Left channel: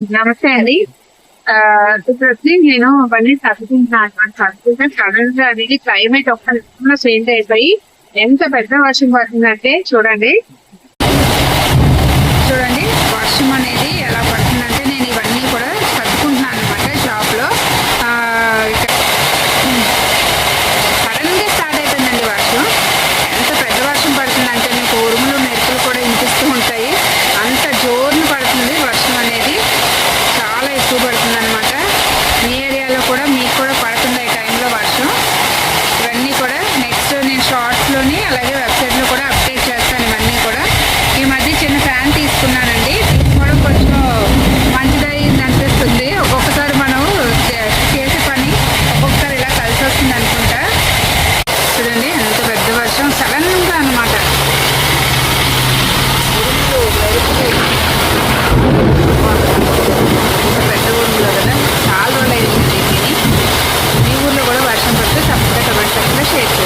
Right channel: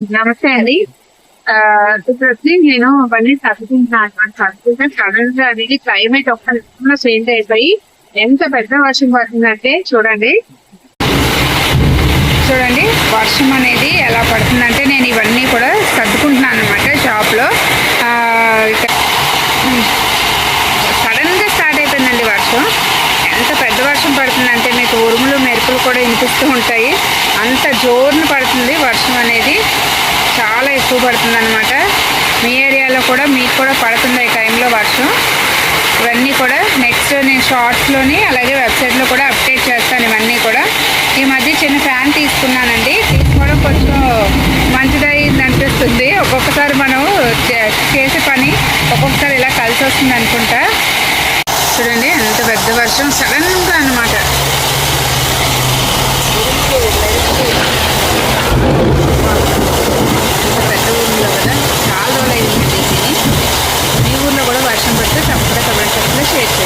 నమస్తే అండి. ఇప్పుడు వచ్చి నేను అవన్నీ సర్దుకుంటున్నాను అనమాట. సర్దుకుంటే సడన్ గా అనేది క్లైమేట్ ఒక్క నిమిషంలో చేంజ్ అయిపోయి ఎంత పెద్ద వర్షం పడుతుందంటే చూడండి. చూడండి వర్షం అనేది ఎలా పడుతుందంటే నేను ఇవన్నీ కూడా సర్దుకుంటున్నాను అనమాట షాప్ లో. సడన్ గా స్టార్ట్ అయిపోయిందండి వర్షం. ఎంత పెద్ద వర్షం పడుతుందంటే మీకు ఉరుములు మెరుపులు కూడా వినిపిస్తూ ఉంటాయి. అంత జోరును పడుతుంది వర్షం అనేది, చాలా ఎక్కువ పడుతుంది అనమాట. మీ ఏరియాలో కూడా మీకు కూడా పడుతుంది ఈ టైంలో వర్షం. ఇవన్నీ కూడా నెక్స్ట్ నేను షార్ట్స్లోని అలాగే వెబ్సైట్లో కూడా అప్డేట్ చేస్తాను ఇవన్నీ కూడా. ఈ మధ్య చిన్న ఫ్యాన్ తీసుకున్నానండి, తీసుకోవడం కొంచెం మంచిదైంది అనిపిస్తుంది. ఒక్కొక్కసారి మనం చేసే పని ఒక్కొక్కసారి ఇలా కలిసి వస్తుంది అనుకుంటా. చూడండి ఎంత పెద్ద వర్షం సడన్గా అనమాట. ఎంత పెద్ద ఊర్లో కదా, చాలా రోజులు అయింది. మీ ఊర్లో కూడా వర్షం పడితే తప్పకుండా కమెంట్ సెక్షన్లో షేర్ చేయండి.